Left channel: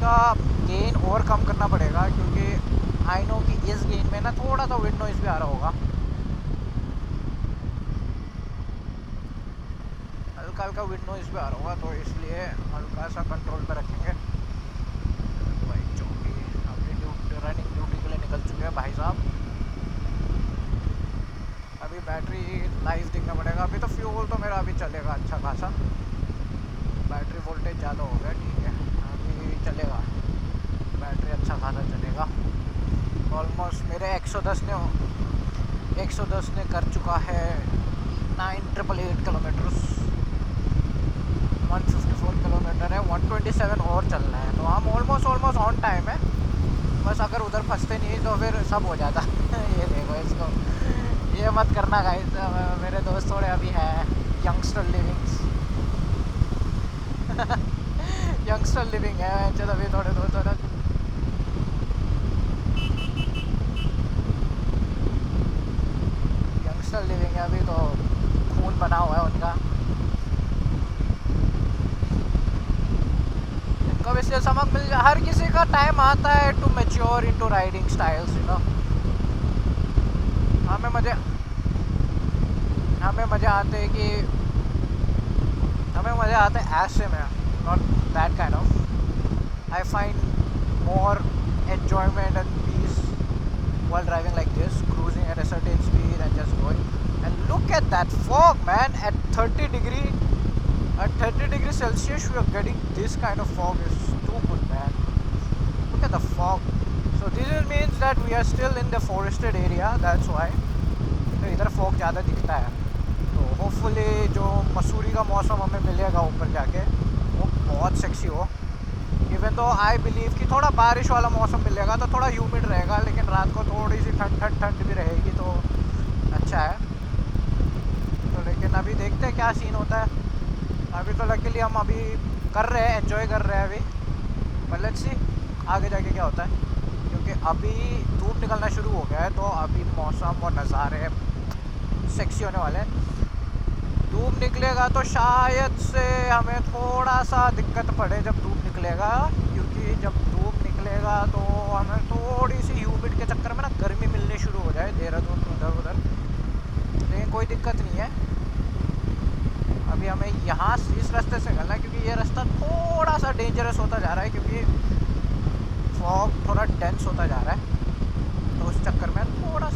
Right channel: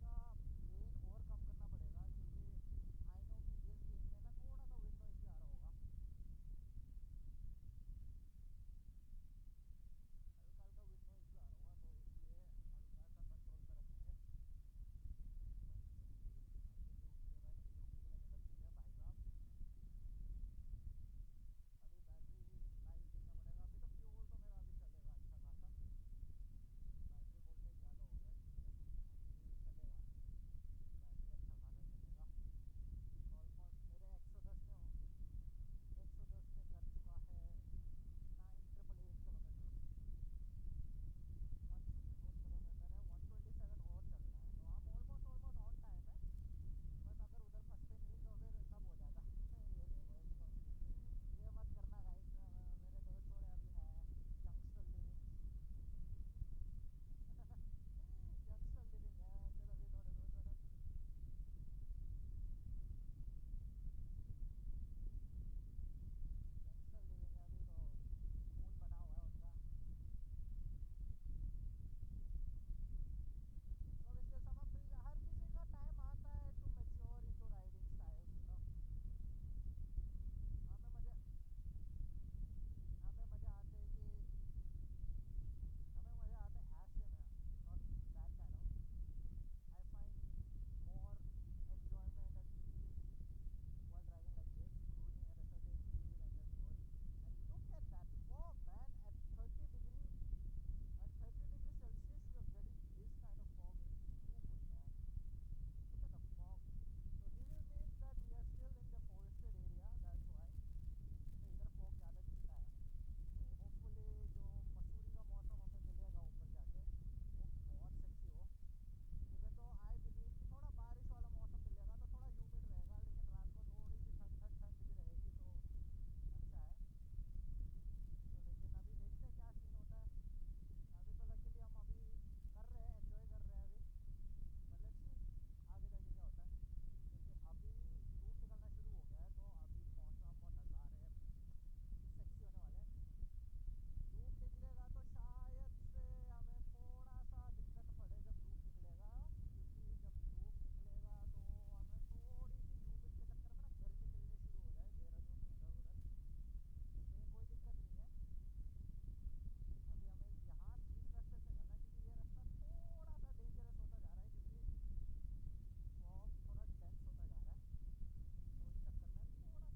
इसका गेन और कम करना पड़ेगा, क्योंकि आई नो कि इस गेन में ना थोड़ा सा विंड नॉइज़ भी आ रहा होगा, हल्का हल्का विंड नॉइज़ भी आ रहा होगा, तो इसलिए हल्का सा कंट्रोल पे रखेंगे। भाई चौकी अपनी रनिंग ड्यूटी के लिए निकल चुके हैं भाई साहब। अभी बैटरी लाइव दिखना पड़ेगा। अभी तो फ्यूल तो मेरा अभी चलेगा अच्छा खासा, बैटरी वोल्टेज ज़्यादा हो गया, ठीक है अभी चलेगा, बैटरी अच्छा खासा चलेगा। ऑलमोस्ट मेरे 110 ने कर चुका है 9888 किलोमीटर्स, 154 किलोमीटर है, 127 और चलना है, तो हम ऑलमोस्ट ऑन टाइम है। बस अगर उधर फंसते नहीं तो फिर सब हो जाता ये देखो इसको, ये मत करना गाइस, मेरे दोस्त थोड़े अभी हैं यंगस्टर लिविंग्स यंगस्टर लिविंग है चल, अभी थोड़े दोस्त थोड़ा यंगस्टर लिविंग है, अभी तो खून बना हुआ है उनका। इनको इसलिए समझ मिल जाए, हर किसी का टाइम आता है to mature into riding styles, you know. हमें मज़े आते हैं कि हमें मज़े आते हैं ऐसे में, not that kind of. I find more enjoyment and peace while driving like this, cruising at a certain speed and just going. And look at that fog, man! At 30 degrees Celsius, we are getting this kind of fog. Is too good, man. Look at the fog. So this means that we are still in the forested area. That's why. तो इधर fog ज़्यादा दिखता है, तो hopefully जो मसूरी का मौसम हमें मिलेगा ऊपर जाके वो बहुत सेक्सी हो। इवन तो आई बिलीव कि थोड़ा बारिश वाला मौसम मिलेगा तो थोड़ा ह्यूमिड रहेगा, लेकिन रात को थोड़ी सी ठंड भी रहेगी, तो अच्छा है। तो लेकिन अभी देखते हैं क्या सीन होता है। अभी तो लकीली हम अभी कर रहे हैं, एंजॉय कर रहे हैं अभी, पर लेट्स सी आगे जाके क्या होता है, क्योंकि अभी धूप निकलना शुरू हो गया है, तो अभी मौसम और नज़ारे सेक्सी होने वाले हैं। धूप निकलेगा तो शायद से हमें थोड़ा सा दिक्कत पड़े जब धूप निकलेगा, क्योंकि जब धूप निकलेगा तो हमें थोड़ी सी ह्यूमिड के चक्कर में ना गर्मी मिलनी शुरू हो जाए देहरादून उधर, लेकिन कोई दिक्कत नहीं है। अभी हमें यहाँ इस रास्ते से निकलना है, क्योंकि ये रास्ता थोड़ा सा डेंजरस होता जा रहा है, क्योंकि फॉग थोड़ा डेंस होता जा रहा है, तो उस चक्कर में थोड़ा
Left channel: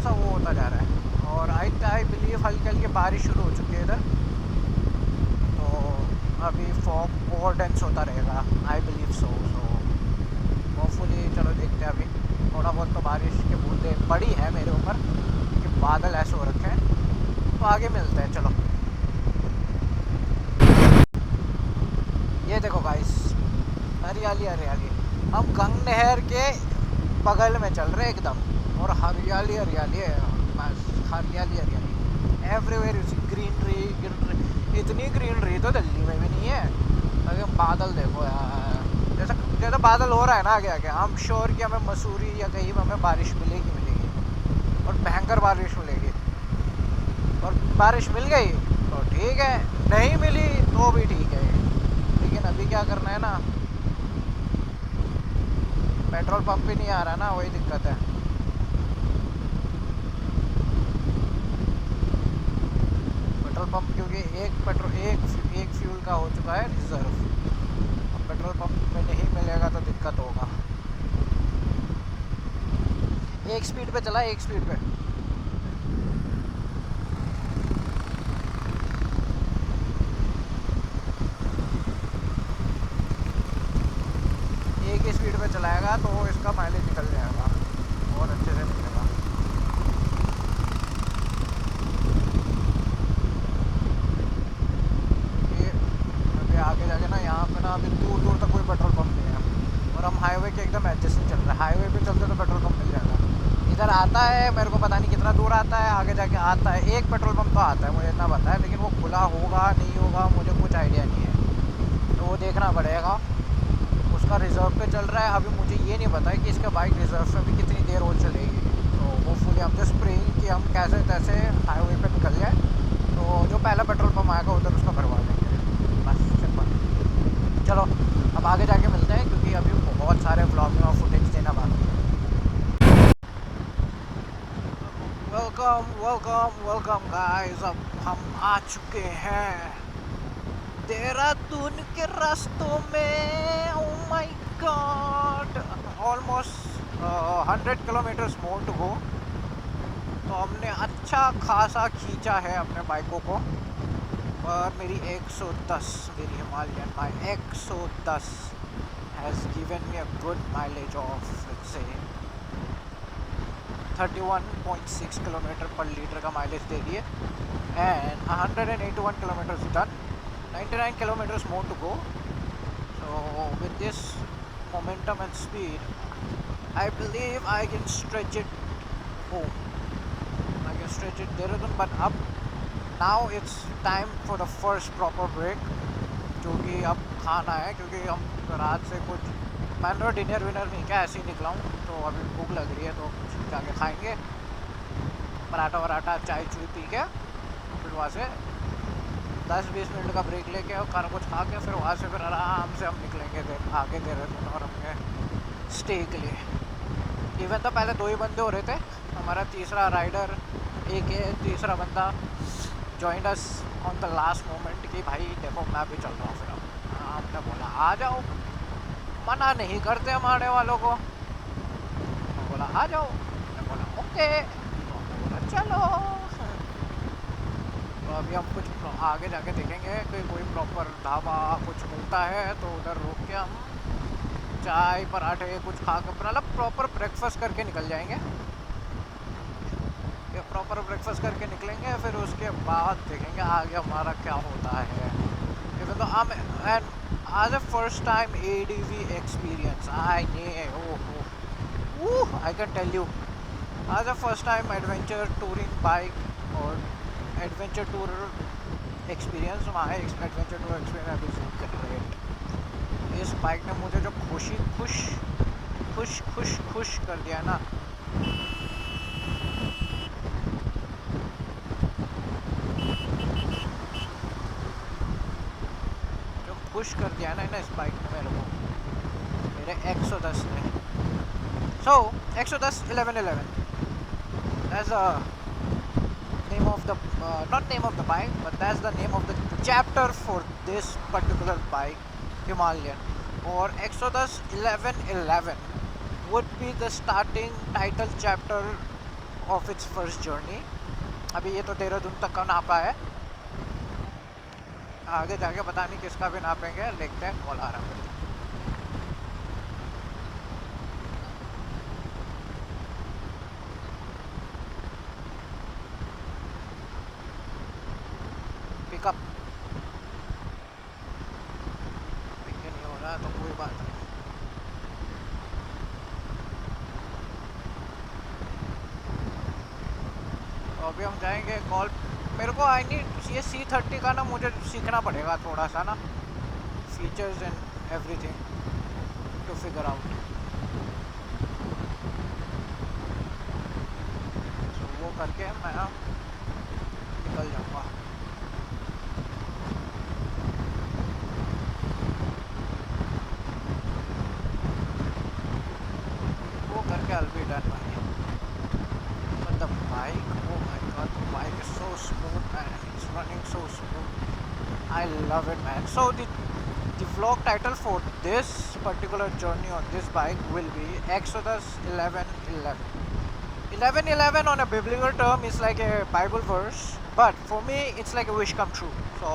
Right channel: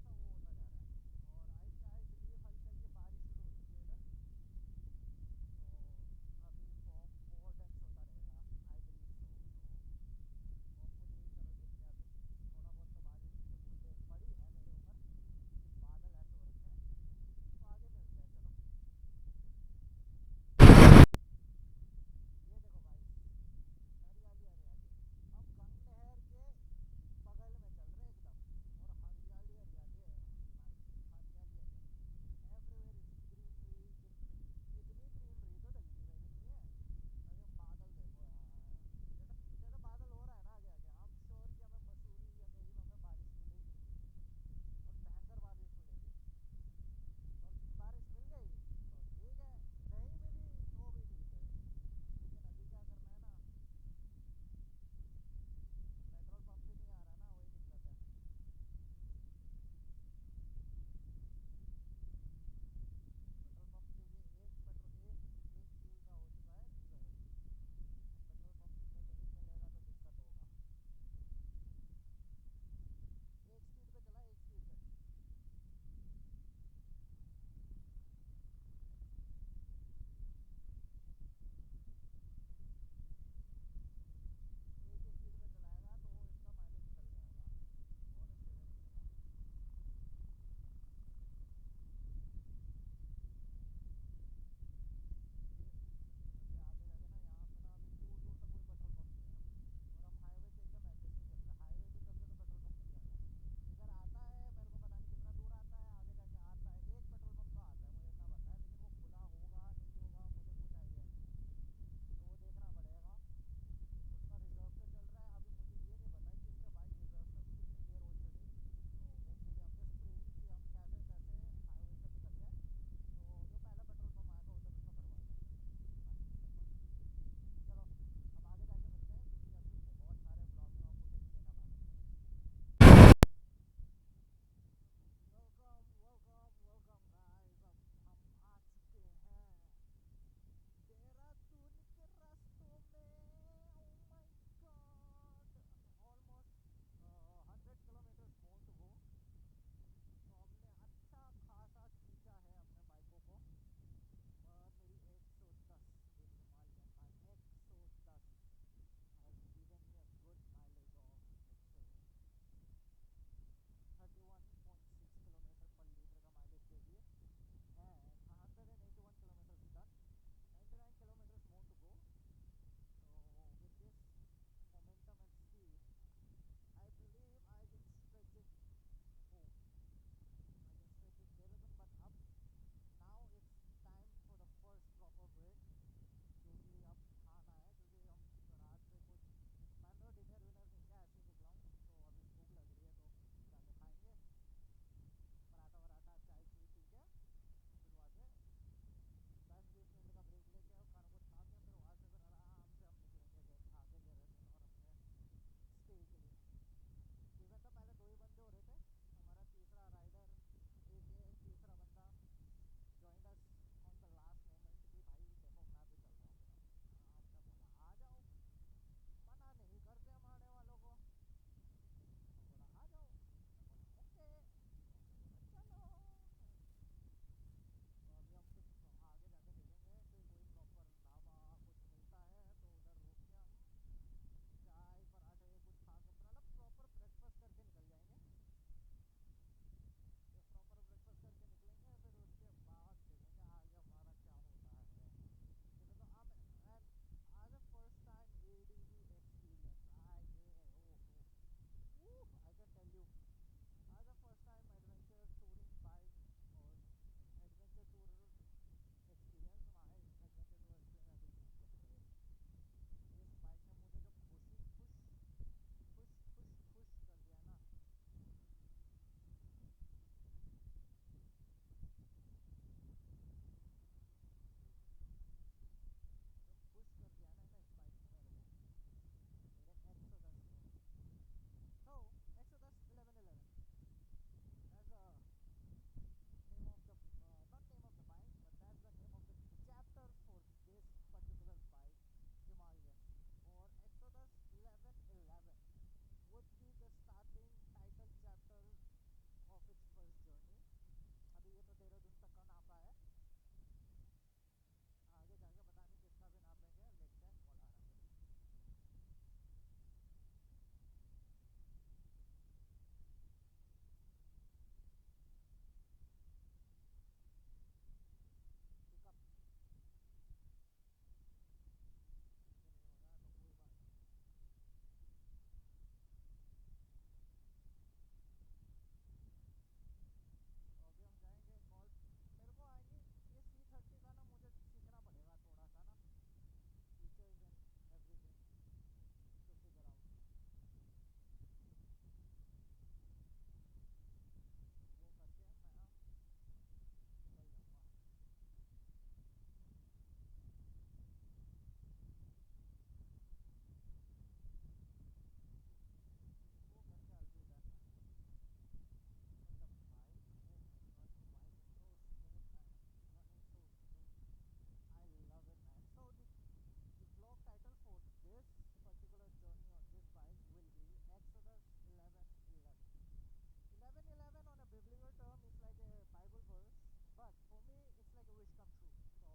सा वो होता जा रहा है। और आई बिलीव हल्की हल्की बारिश शुरू हो चुकी है इधर, तो अभी फॉग और डेंस होता रहेगा, आई बिलीव सो होपफुली। चलो देखते हैं, अभी थोड़ा बहुत तो बारिश की बूंदें पड़ी है मेरे ऊपर, कि बादल ऐसे हो रखे हैं, तो आगे मिलते हैं। चलो ये देखो गाइस, हरियाली हरियाली, हम गंग नहर के बगल में चल रहे एकदम, और हरियाली हरियाली है, बस हरियाली हरियाली एवरीवेयर। ग्रीनरी, इतनी ग्रीनरी तो दिल्ली में भी नहीं है। लेकिन बादल देखो यार, जैसा बादल हो रहा है ना आगे आगे, हम श्योर कि हमें मसूरी या कहीं हमें बारिश मिलेगी, और भयंकर बारिश मिलेगी। और बारिश मिल गई तो ठीक है, नहीं मिली तो भी ठीक है, लेकिन अभी क्या करना है ना, पेट्रोल पंप भी नहीं आ रहा ना, वही दिक्कत है। पेट्रोल पंप क्योंकि एक फ्यूल का हो चुका है रिजर्व, अब पेट्रोल पंप में नहीं मिलेगा तो दिक्कत होगा। एक स्पीड पे चला, एक स्पीड पे। एक ही स्पीड पे चलाएगा तो इसका माइलेज निकल जाएगा, और अच्छे से निकलेगा। ये अभी आगे जाके ना, यहाँ पे ना अभी दूर दूर तक कोई पेट्रोल पंप नहीं है, और हम हाईवे के एकदम एडजस्ट चल रहे हैं। हाईवे पे चलते तो पेट्रोल पंप मिल जाएगा, इधर आता है, मेरे को पता नहीं कितना दूर आता है, आगे जाके आता है एक पेट्रोल पंप तो आता है, मुझे इतना पता है, लेकिन वो खुला होगा नहीं होगा मुझे कुछ आइडिया नहीं है, तो वो देखना पड़ेगा। उसका रिज़र्व पे चल रहा है, अभी मुझे ये नहीं पता है कि इसका बाइक रिज़र्व पे भी कितनी देर और चलेगी, तो होपफुली हम जस्ट प्रेइंग कि हम कैसे तैसे हाईवे पे निकल जाए, तो जो पहला पेट्रोल पंप आएगा उधर उसको भरवा देंगे, बस सिंपल। चलो अब आगे जाके मिलते हैं क्योंकि अभी बहुत सारे व्लॉगिंग और फुटेज देना बाकी है। वेलकम वेलकम वेलकम गाइस, अब हम आ चुके हैं देहरादून के रास्तों में। Oh my God, almost 100 kilometres more to go. तो हमने अच्छा खासा खींचा है अपने बाइकों को, और मेरी 110, मेरी Himalayan bike 110 has given me a good mileage of let's say 31.6 kilometre पर लीटर का माइलेज दे दिए, and 181 kilometres done, 99 kilometers more to go. So with this momentum and speed, I believe I can stretch it home. I can stretch it Dehradun, but up now it's time for the first proper break, जो कि अब खाना है क्योंकि हम रात से कुछ मैंने डिनर विनर नहीं किया, ऐसे ही निकला हूँ। तो अभी भूख लग रही है तो कुछ जाके खाएंगे, पराठा वराठा चाय चुई पी के, फिर वहाँ से 10-20 मिनट का ब्रेक लेके और खाना कुछ खा के फिर वहाँ से फिर आराम से हम निकलेंगे आगे देहरादून और अपने स्टे के लिए। इवन तो पहले 2 ही बंदे हो रहे थे, हमारा तीसरा राइडर एक है, तीसरा बंदा joined us on the last moment कि भाई देखो मैं भी चल रहा हूँ। फिर हमने बोला आ जाओ, मना नहीं करते हमारे वालों को। हमने बोला आ जाओ, हमने बोला ओके, तो हमने बोला चलो। तो अभी हम कुछ आगे जाके देखेंगे कि कोई प्रॉपर ढाबा कुछ मिलता है तो उधर रुक के हम चाय पराठे कुछ खा कर मतलब प्रॉपर ब्रेकफास्ट करके निकल जाएंगे। ये प्रॉपर ब्रेकफास्ट करके निकलेंगे, फिर उसके बाद देखेंगे आगे हमारा क्या होता है। इवन तो हम एंड आज first time ADV experience I can tell you आज first time adventure touring bike और adventure tour experience. My adventure tour experience is great. इस बाइक ने मुझे जो खुश कर दिया ना, जो खुश कर दिया ना इस बाइक ने मेरे को, मेरे 110 ने। सो 110 1111 that's a name of the not name of the bike, but that's the name of the chapter for this particular bike, Himalayan. Or 110 1111 would be the starting title chapter of its first journey. अभी ये तो देहरादून तक का नापा है, आगे जाके पता नहीं किसका भी नापेंगे। देखते हैं, कॉल आ रहा है। पिकअप पिक नहीं हो रहा तो कोई बात नहीं। तो अभी हम जाएंगे कॉल। मेरे को आई नीड ये C30 का ना, मुझे सीखना पड़ेगा थोड़ा सा ना, features and everything to figure out. तो वो करके मैं निकल जाऊँगा। वो करके I'll be done भाई। But the bike, oh my god, the bike is so smooth man, it's running so smooth. I love it man. So the vlog title for this particular journey on this bike will be Exodus 11:11. 11:11 on a biblical term is like a Bible verse, but for me it's like a wish come true. So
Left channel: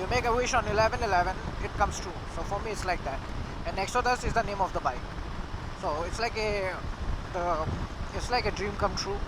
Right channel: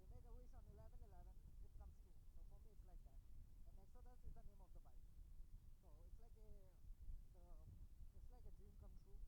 you make a wish on 11:11, it comes true. So for me it's like that. And Exodus is the name of the bike. So it's like a dream come true.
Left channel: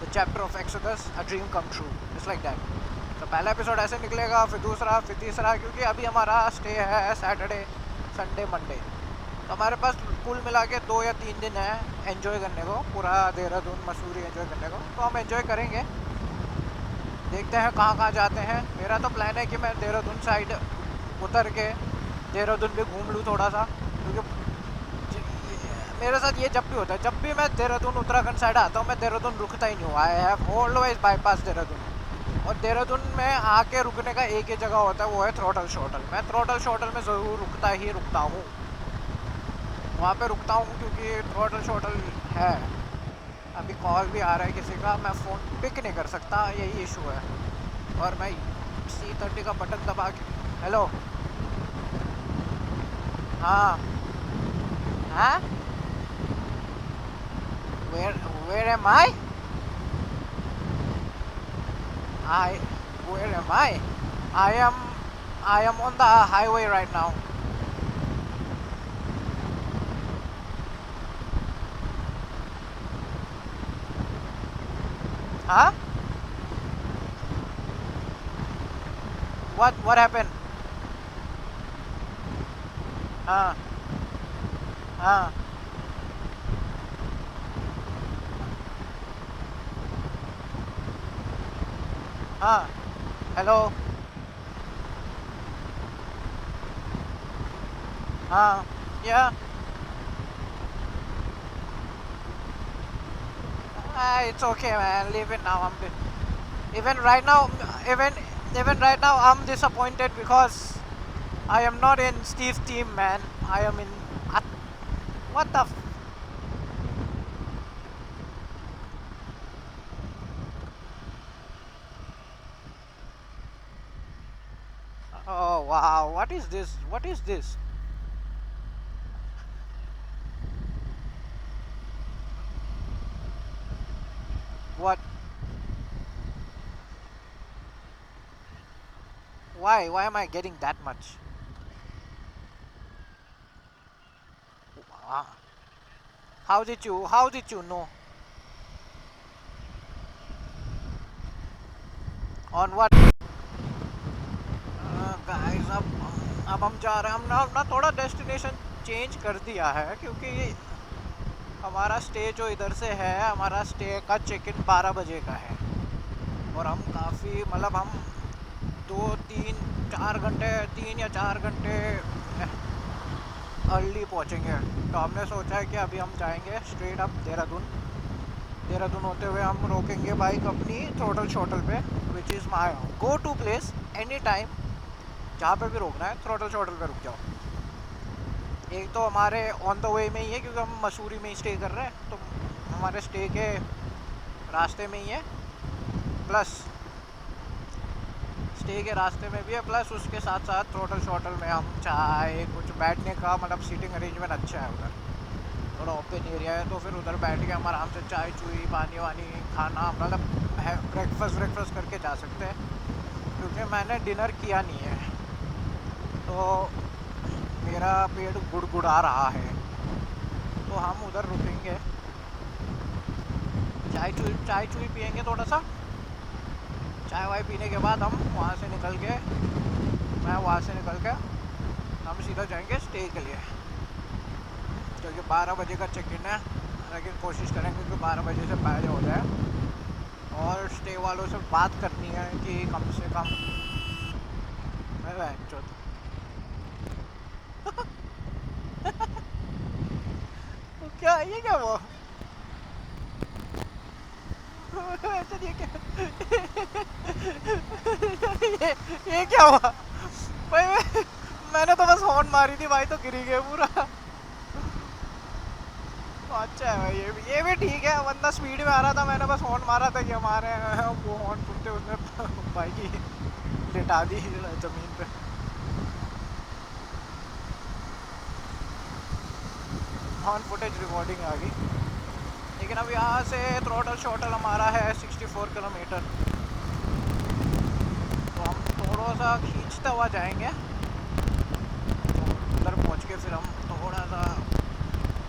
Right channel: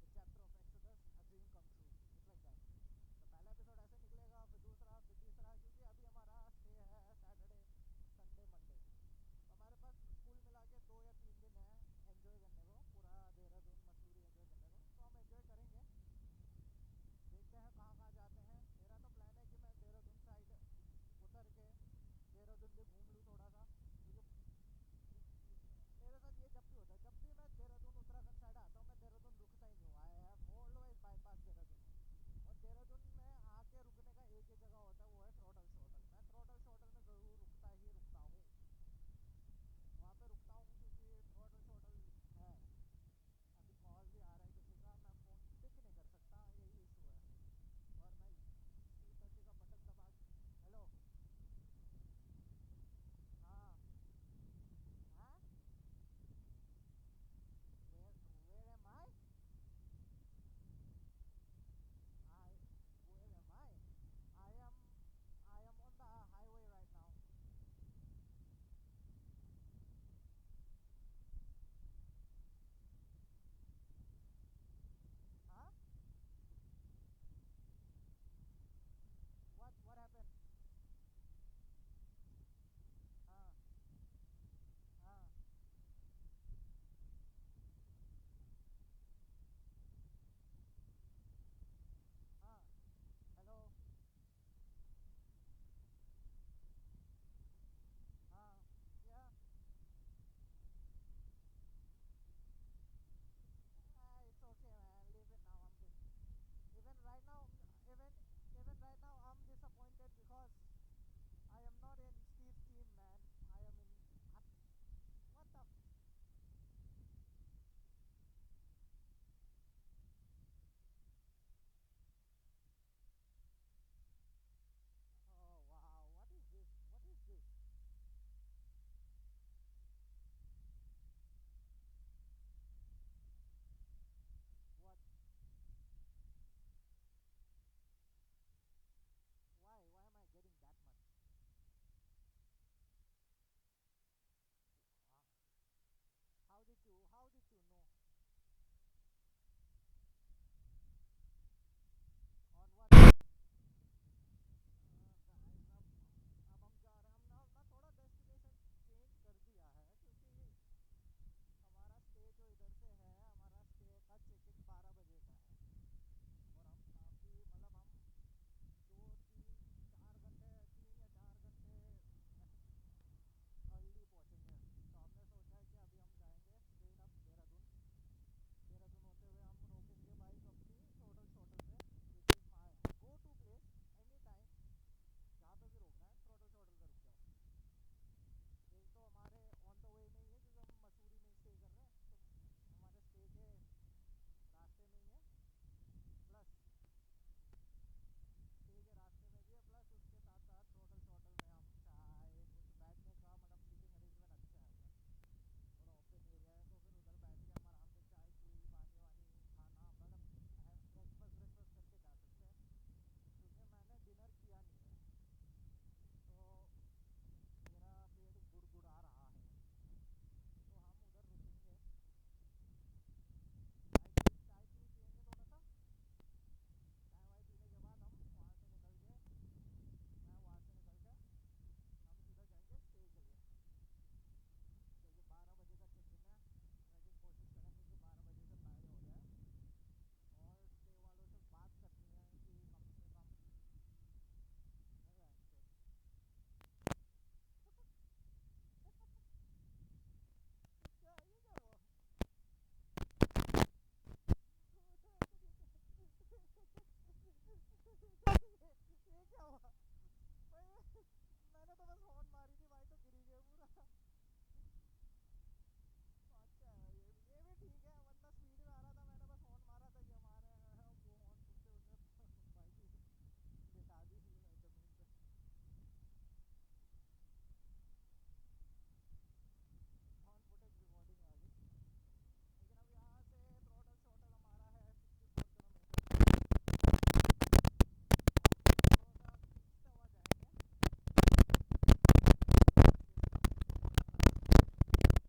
The chapter of Exodus, a dream come true. It's like that. तो पहला episode ऐसे निकलेगा, फिर दूसरा, फिर तीसरा, क्योंकि अभी हमारा स्टे है सैटरडे संडे मंडे, तो हमारे पास कुल मिला के 2 या 3 दिन है एंजॉय करने को, पूरा देहरादून मसूरी एंजॉय करने को। तो हम एंजॉय करेंगे, देखते हैं कहाँ कहाँ जाते हैं। मेरा तो प्लान है कि मैं देहरादून साइड उतर के देहरादून भी घूम लूँ थोड़ा सा, क्योंकि मेरे साथ ये जब भी होता है, जब भी मैं देहरादून उत्तराखंड साइड आता हूँ मैं देहरादून रुकता ही नहीं हूँ। I have always bypass Dehradun. और देहरादून में आके रुकने का एक ही जगह होता है, वो है थ्रोटल शॉटल। मैं थ्रोटल शॉटल में ज़रूर रुकता हूँ, वहाँ पे रुकता हूँ क्योंकि थ्रोटल शॉटल है। अभी कॉल भी आ रहा है किसी का, मैं फ़ोन पिक नहीं कर सकता, यही इशू है। और मैं C30 का बटन दबा के, हेलो, हाँ, हाँ, where am I? I, where am I? I am, I am on the highway right now. Huh? What happened? हाँ, हाँ, हाँ, हेलो, हाँ, yeah. It's okay, man. Leave it now. Even right now, even even right now, I'm disappointed because I am not in Steve's team, man. I am in. What the? Oh wow! What is this? What is this? What? Why? Why am I getting that much? Wow. How did you? How did you know? On what? Guys अब हम जा रहे हैं, हमने अपना थोड़ा destination change कर दिया है क्योंकि हमारा स्टे जो इधर से है, हमारा स्टे का चेक इन 12 बजे का है। और हम काफ़ी मतलब हम 2 3 4 घंटे 3 या 4 घंटे अर्ली पहुंचेंगे। तो हमने सोचा है कि अभी हम जाएंगे स्ट्रेट अप देहरादून। देहरादून होते हुए हम रोकेंगे बाइक अपनी थ्रोटल शॉटल पे, which is my go to place any time. जहाँ पे भी रोकना है थ्रोटल शॉटल पे रुक जाओ। एक तो हमारे ऑन द वे में ही है क्योंकि हम मसूरी में ही स्टे कर रहे हैं, तो हमारे स्टे के रास्ते में ही है, प्लस स्टे के रास्ते में भी है, प्लस उसके साथ साथ थ्रोटल शॉटल में हम चाय कुछ बैठने का मतलब सीटिंग अरेंजमेंट अच्छा है उधर, थोड़ा ओपन एरिया है, तो फिर उधर बैठ के हम आराम से चाय चुई पानी वानी खाना मतलब है, ब्रेकफास्ट करके जा सकते हैं। क्योंकि मैंने डिनर किया नहीं है तो मेरा पेट गुड़गुड़ा रहा है, तो हम उधर रुकेंगे, चाय चुई पियेंगे थोड़ा सा, चाय वाय पीने के बाद हम वहाँ से निकल के मैं वहाँ से निकल के हम सीधा जाएंगे स्टे के लिए, क्योंकि 12 बजे का चेक इन है। लेकिन कोशिश करेंगे कि 12 बजे से पहले हो जाए। और स्टे वालों से बात करनी है कि कम से कम तो क्या ये क्या वो अच्छा ये क्या ये क्या हुआ भाई? मैंने तो बस हॉर्न मारी थी भाई, तो गिरी गए पूरा। अच्छा है भाई, ये भी ठीक है, बंदा स्पीड में आ रहा था, मैंने बस हॉर्न मारा था कि हमारे वो हॉर्न सुनते उसने बाइक ही लिटा दी ज़मीन पे। हॉर्न फुटेज रिकॉर्डिंग आ गई। लेकिन अब यहाँ से थ्रोटल शॉटल हमारा है 64 किलोमीटर, तो हम थोड़ा सा खींचते हुआ जाएंगे, तो उधर पहुँच के फिर हम थोड़ा सा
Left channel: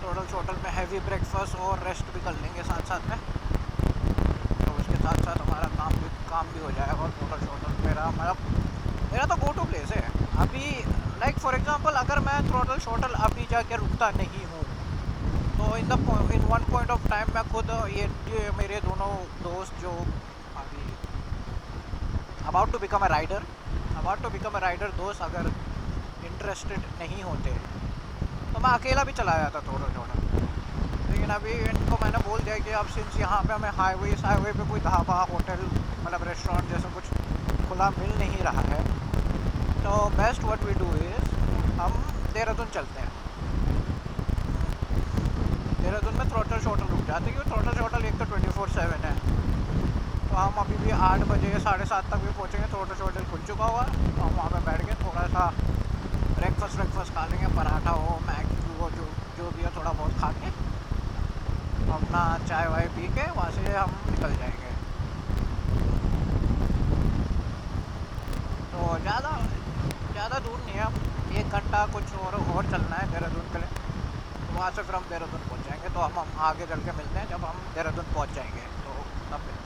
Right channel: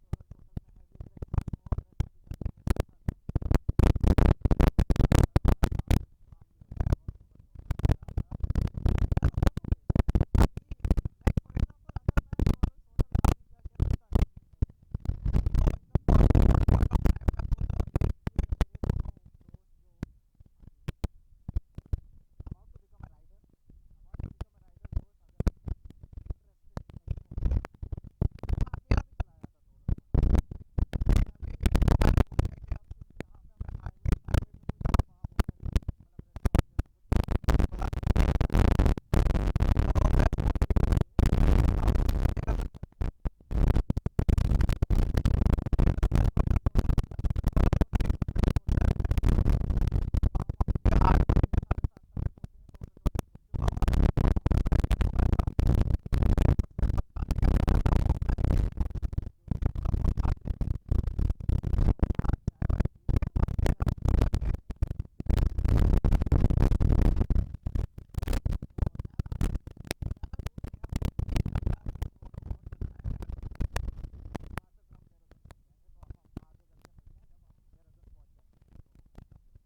थ्रोटल शॉटल में हैवी ब्रेकफास्ट और रेस्ट भी कर लेंगे साथ साथ में, तो उसके साथ साथ हमारा काम भी हो जाएगा। और थ्रोटल शॉटल मेरा तो गो टू प्लेस है अभी। लाइक फॉर एग्जांपल अगर मैं थ्रोटल शॉटल अभी जाके रुकता नहीं हूँ, तो in one point of time मैं खुद ये मेरे दोनों दोस्त जो अभी about to become a rider दोस्त अगर इंटरेस्टेड नहीं होते तो मैं अकेला भी चला जाता थोड़ा थोड़ा। लेकिन अभी इनको मैंने बोल दिया कि अब सिंस यहाँ पे हमें हाईवे पे कोई ढाबा होटल मतलब रेस्टोरेंट जैसा कुछ खुला मिल नहीं रहा है, तो best what we do is हम देहरादून चलते हैं। देहरादून में थ्रोटल शॉटल रुक जाते हैं, क्योंकि थ्रोटल शॉटल एक तो 24/7 है। तो हम अभी भी 8 बजे 7:30 तक भी पहुँचेंगे, थ्रोटल शॉटल खुल चुका हुआ। तो हम वहाँ पे बैठ के थोड़ा सा ब्रेकफास्ट खा लेंगे, पराठा हो, मैगी हो, जो भी हो थोड़ा बहुत खा के अपना चाय वाय पी के वहाँ से हम निकल जाएंगे। तो ज़्यादा दूर नहीं है, हम 1 घंटा कुछ और चलना है देहरादून के लिए। तो वहाँ से फिर हम देहरादून पहुँच जाएंगे। तो हम आगे चल के मिलते हैं जब हम देहरादून पहुँच जाएंगे, तो तब मिलते हैं।